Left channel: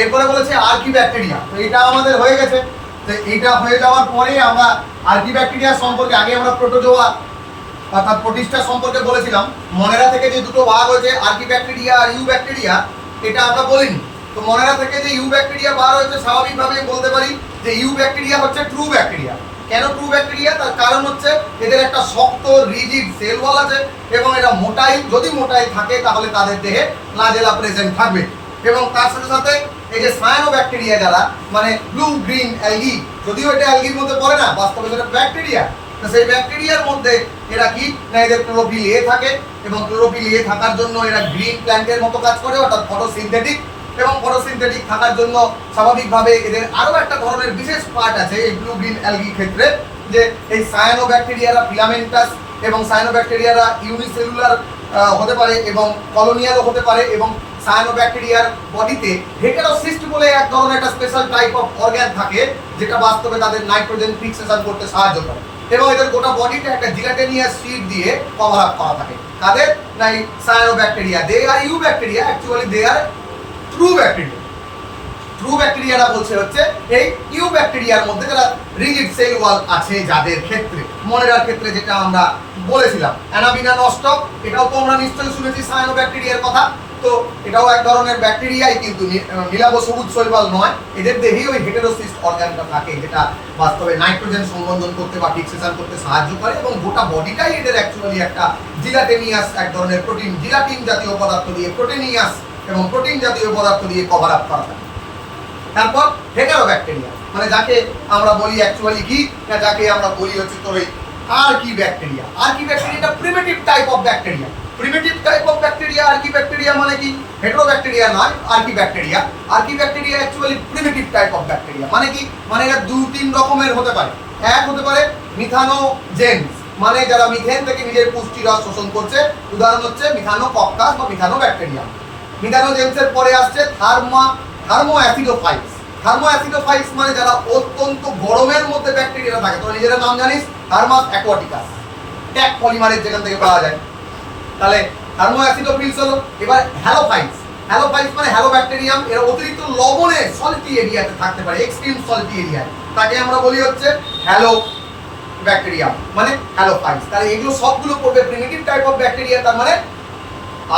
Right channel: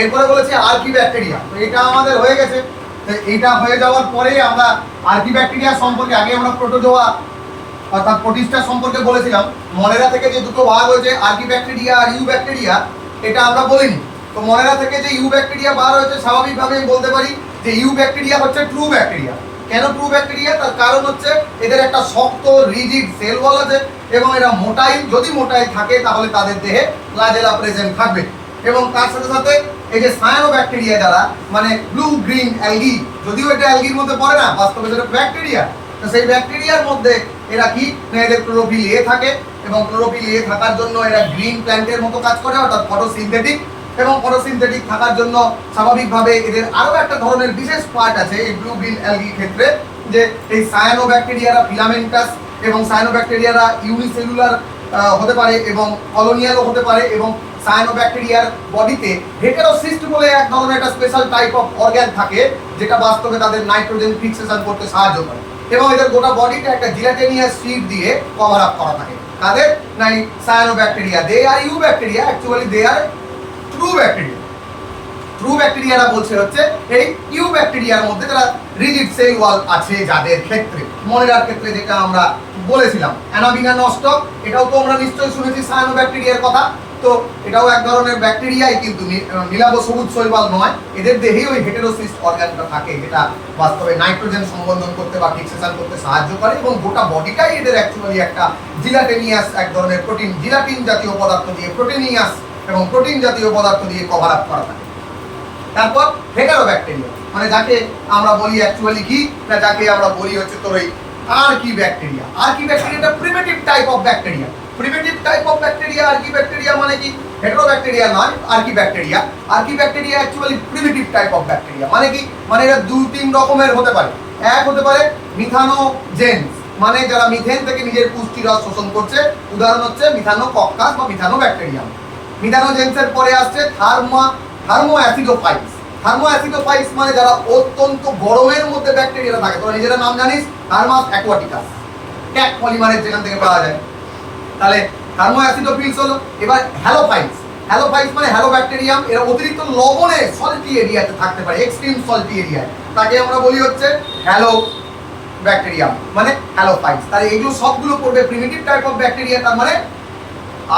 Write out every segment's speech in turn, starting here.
এরপরে বলেছে আর্কি ব্যাকটেরিয়া। তো এটা আমাদের হয়ে গেছে। তো এইটা হয়ে যাওয়ার পরে আমরা আর্কি ব্যাকটেরিয়া সম্পর্কে আগে আমরা প্রোটোজোয়া অর্থাৎ প্রোটিস্টা সম্পর্কে বলেছিলাম। মনেরা থেকে যে দুটো ভাগ হয়েছে আর্কি ব্যাকটেরিয়া আর ইউ ব্যাকটেরিয়া, এটা আমরা বলিনি। তো মনেরা থেকে যে ইউ ব্যাকটেরিয়া বার হয়েছে, স্বাভাবিকভাবে বলতে পারি যে ইউ ব্যাকটেরিয়া হচ্ছে ট্রু ব্যাকটেরিয়া। কেন ট্রু ব্যাকটেরিয়া? তার কারণ হচ্ছে এদের একটা শক্ত রিজিড সেল ওয়াল আছে এবং এরা মোটাই, যদি মোটাই থাকে তাহলে তাদের দেহে ফ্ল্যাজেলা প্রেজেন্ট থাকবে। এবং তার সাথে সাথে এই যে সায়ানো ব্যাকটেরিয়া যারা, মানে ব্লু গ্রিন অ্যালগি, যদিও এটা অ্যালগির মধ্যে পড়ে না, বাস্তবে সেটা ব্যাকটেরিয়া। তো সেই ব্যাকটেরিয়ার মধ্যে এরা কি না, এদের ক্লোরোফিল এ থাকে এবং ক্লোরোফিল এ থাকার জন্য এরা গ্রিন প্ল্যান্টের মতো কাজ করে, অর্থাৎ ফটোসিনথেটিক। এবং ফটোসিনথেটিক থাকার জন্য স্বাভাবিকভাবে এদের আরও একটা ধরনের বিশেষ পার্ট আছে এই ব্লু গ্রিন অ্যালগি ক্ষেত্রে, যে এই সায়ানো ব্যাকটেরিয়ারা ফিলামেন্টাস এবং সায়ানো ব্যাকটেরিয়ারা ইউনিসেলুলার হতে পারে এবং কলোনিয়ালও হতে পারে। এবং সায়ানো ব্যাকটেরিয়ার বডিতে হেটেরোসিস্ট বলে এক ধরনের একটা স্পেশাল টাইপ অফ অর্গ্যান থাকে, যেটা বাস্তবে তাদের নাইট্রোজেন ফিক্সেশন করতে সাহায্য করে। এবং এদের গোটা বডিটা একটা জিলাটেনিয়াস শীট দিয়ে কভার আপ করা থাকে। কাদের? না, এই cyanobacteria. They are you bacteria, actually they are true bacteria. True ব্যাকটেরিয়ারা বলছে হচ্ছে এই ইউ ব্যাকটেরিয়ার মধ্যে যারা রিজিড সেল ওয়াল আছে যাদের ক্ষেত্রে, মনেরার ক্ষেত্রে যেটা আমরা বলেছিলাম অ্যানাবিনা নস্টক, এটাও তো আমরা নিশ্চয়ই শুনেছি সায়ানো ব্যাকটেরিয়ার কথা। তো এটাও এক ধরনের ব্যাকটেরিয়াই, কিন্তু নীলাভ সবুজ শৈবাল নয়। এদের দেহেই ওই হেটেরোসিস্ট অর্গানটা থাকে, যেটা বাস্তবে নাইট্রোজেন সংবন্ধন করতে বা ফিক্সেশন করতে সাহায্য করে। এবং গোটা বডিটাই এদের অ্যাকচুয়ালি একটা জিলাটেনিয়াস এক ধরনের প্রোটিন, জিলাটিন জাতীয় পদার্থ দিয়ে, প্রোটিনিয়াস এবং প্রোটিন জাতীয় পদার্থ দিয়ে কভার আপ করা থাকে। তারপর হেটারো ব্যাকটেরিয়া, মানে যাকে আমরা বলি অ্যাকচুয়ালি কি না, যাকে আমরা বলি হচ্ছে তোর এই আর্কি ব্যাকটেরিয়া। আর্কি ব্যাকটেরিয়াটা primitive type of bacteria. Primitive type of bacteria archaebacteria মানে কি? হেটারো ব্যাকটেরিয়া নয়, archaebacteria. Archaebacteria actually primitive type of bacteria. মানে কি? মানে এরা 2-3 রকমের হতে পারে। এক হতে পারে মিথানোজেন্স, মানে যারা মিথেন থেকে নিজের পুষ্টি রস শোষণ করছে। উদাহরণ হচ্ছে মিথানোকক্কাস বা মিথানো ব্যাকটেরিয়াম। মিথানোজেন্সের পরে আসছে থার্মোঅ্যাসিডোফাইলস। থার্মোঅ্যাসিডোফাইলস মানে যারা অত্যন্ত গরমের মধ্যে ব্যাকটেরিয়া থাকে। তোরা নিজেরা নাম জানিস, থার্মাস অ্যাকোয়াটিকাস, ট্যাগ পলিমারের যেখান থেকে পাওয়া যায়। তাহলে থার্মোঅ্যাসিডোফিলস হলো। এবার হ্যালোফাইলস। হ্যালোফাইলস মানে হ্যালো ব্যাকটেরিয়াম, এরা অতিরিক্ত লবণে সল্টি এরিয়াতে থাকতে পারে, এক্সট্রিম সল্টি এরিয়ায়। তাকে আমরা বলি হচ্ছে হ্যালো ব্যাকটেরিয়াম, মানে হ্যালোফাইলস। তাহলে এগুলো সবগুলো পড়বে প্রিমিটিভ টাইপ অফ ব্যাকটেরিয়া, তার মানে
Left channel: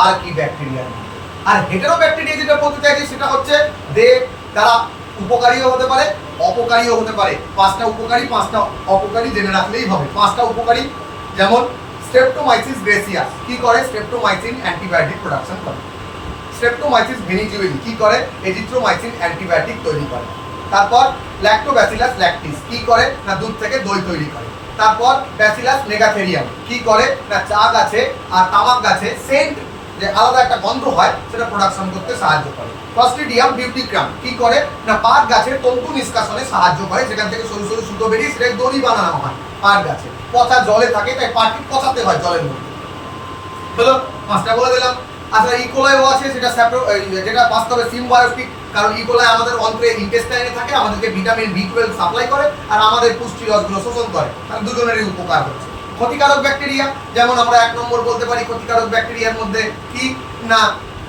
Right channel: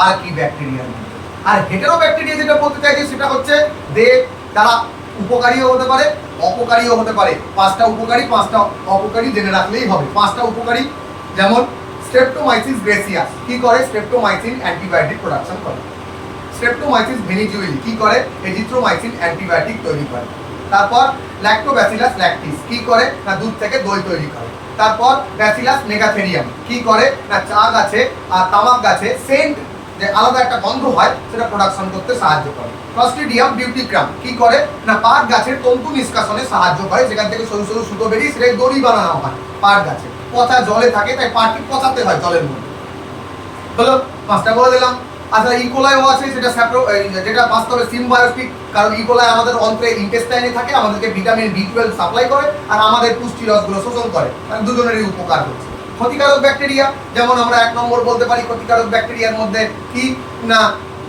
আর্কি ব্যাকটেরিয়ার মধ্যে। আর হেটারো ব্যাকটেরিয়া যেটা বলতে চাইছি সেটা হচ্ছে তারা উপকারীও হতে পারে, অপকারীও হতে পারে। 5টা উপকারী 5টা অপকারী জেনে রাখলেই হবে। 5টা উপকারী যেমন স্ট্রেপ্টোমাইসিস গ্রেসিয়াস কি করে? স্ট্রেপ্টোমাইসিন অ্যান্টিবায়োটিক প্রোডাকশন করে। স্ট্রেপ্টোমাইসিস ভেনিজুয়েলি কি করে? এজিথ্রোমাইসিন অ্যান্টিবায়োটিক তৈরি করে। তারপর ল্যাক্টোব্যাসিলাস ল্যাকটিস কি করে? না দুধ থেকে দই তৈরি করে। তারপর ব্যাসিলাস মেগাথেরিয়াম কি করে? না চা গাছে আর তামাক গাছে সেন্ট, যে আলাদা একটা গন্ধ হয়, সেটা প্রোডাকশন করতে সাহায্য করে। ক্লস্ট্রিডিয়াম বিউটিক্রাম কি করে? না পাট গাছের তন্তু নিষ্কাশনে সাহায্য করে, যেখান থেকে সরু সরু সুতো বেরিয়ে সেটাই দড়ি বানানো হয় পাট গাছে। পচা জলে থাকে, তাই পাটকে পচাতে হয় জলের মধ্যে। হলো 5টা বলে দিলাম। আচ্ছা, ইকোলাইও আছে, সেটা যেটা বাস্তবে সিম্বায়োটিক, কারণ ইকোলাই আমাদের অন্ত্রে ইন্টেস্টাইনে থাকে, আমাদেরকে ভিটামিন B12 সাপ্লাই করে আর আমাদের পুষ্টি রসগুলো শোষণ করে। তাহলে দুজনেরই উপকার হচ্ছে। ক্ষতিকারক ব্যাকটেরিয়া যেমন আমরা 1 নম্বর বলতে পারি ক্ষতিকারক ব্যাকটেরিয়ার মধ্যে কি না,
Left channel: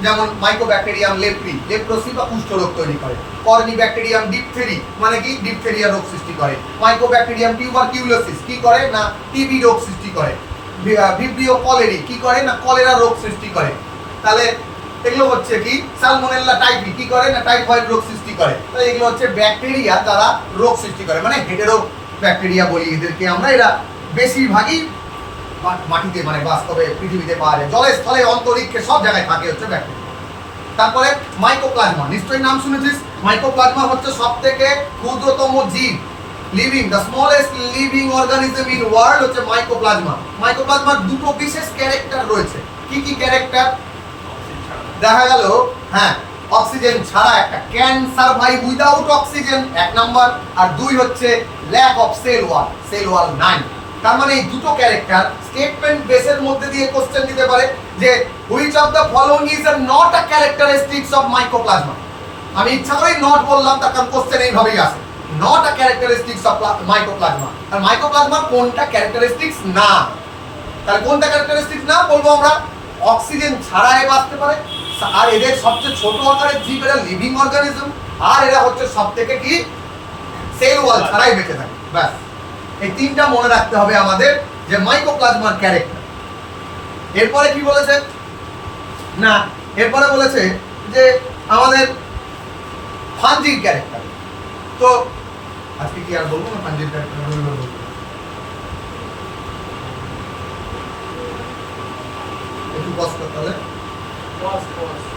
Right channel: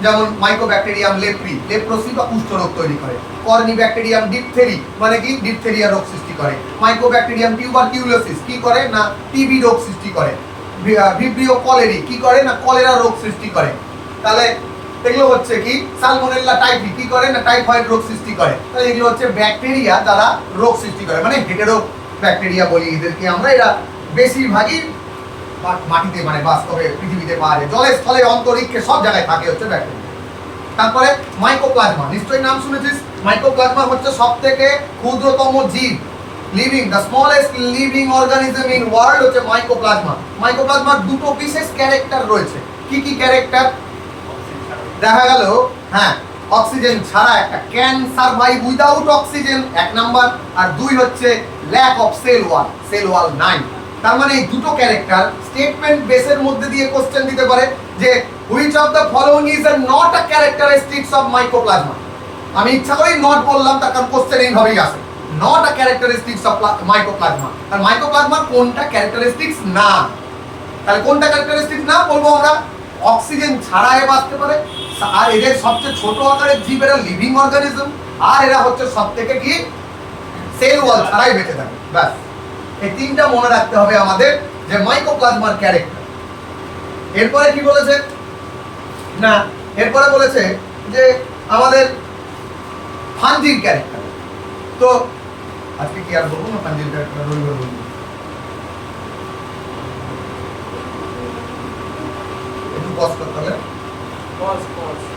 যেমন মাইকোব্যাকটেরিয়াম লেপ্রি, লেপ্রোসি বা কুষ্ঠরোগ তৈরি করে। কর্নি ব্যাকটেরিয়াম ডিপথেরি, মানে কি ডিপথেরিয়া রোগ সৃষ্টি করে। মাইকোব্যাকটেরিয়াম টিউবারকিউলোসিস কি করে? না টিবি রোগ সৃষ্টি করে। ভিব্রিও কলেরি কি করে? না কলেরা রোগ সৃষ্টি করে। তাহলে এগুলো হচ্ছে কি? সালমোনেল্লা টাইফি কি করে? না টাইফয়েড রোগ সৃষ্টি করে। তো এগুলো হচ্ছে ব্যাকটেরিয়া যারা রোগ সৃষ্টি করে, মানে হেটেরো ব্যাকটেরিয়া বলি এদেরকে আমরা। এরা বেশিরভাগই মাটিতে, মানে বাস্তবে পৃথিবীতে পাওয়া যায়, জলে স্থলে অন্তরিক্ষে সব জায়গায় থাকে হচ্ছে ব্যাকটেরিয়া। তারপরে মাইকোপ্লাজমা, নিশ্চয়ই নাম শুনেছিস। মাইকোপ্লাজমা হচ্ছে সবথেকে ক্ষুদ্রতম জীব, living, the smallest living organism in world হচ্ছে মাইকোপ্লাজমা। মাইকোপ্লাজমার দুটো বিশেষ ক্যারেক্টার রয়েছে। কি কি ক্যারেক্টার? দেখা গেল, হ্যাঁ, অক্সিজেন ছাড়া একটা can survive without oxygen 1 number, আর 2 হচ্ছে ল্যাক অফ সেল ওয়াল নাই। তার মানে এই দুটো ক্যারেক্টার স্টেটমেন্ট বেসের মধ্যে দিয়ে কোশ্চেন দিতে পারে যে which of the following is not a characteristics of mycoplasma. আমি ইচ্ছা করেই নট বললাম, তার কারণ কোশ্চেন এইভাবেই আসে, not a characteristics of mycoplasma. আর মাইকোপ্লাজমার কোনটা ক্যারেক্টারিস্টিক্স না? তাহলে কোনটা ক্যারেক্টারিস্টিক্স না বলবো আমরা? অক্সিজেন ছাড়া এ বাঁচতে পারে, আর এদের সবচেয়ে ছোট আকারের জীব, এরা লিভিং অর্গানিজম, আর এরা হচ্ছে সব থেকে কি সেল ওয়াল ছাড়াই বেঁচে থাকে। ব্যাস, এই তিনটা মনে রাখতে হবে আমাদের যে মাইকোপ্লাজমার ক্যারেক্টার। এরপরে কি বলেছে না, এরপরে বলেছে যে আমাদের ফাঞ্জির ক্যারেক্টার। তো আজকে কি আর বলবো না ফাঞ্জির ক্যারেক্টার, রবিবার বলবো। একটু পজ করতে হবে। Pause.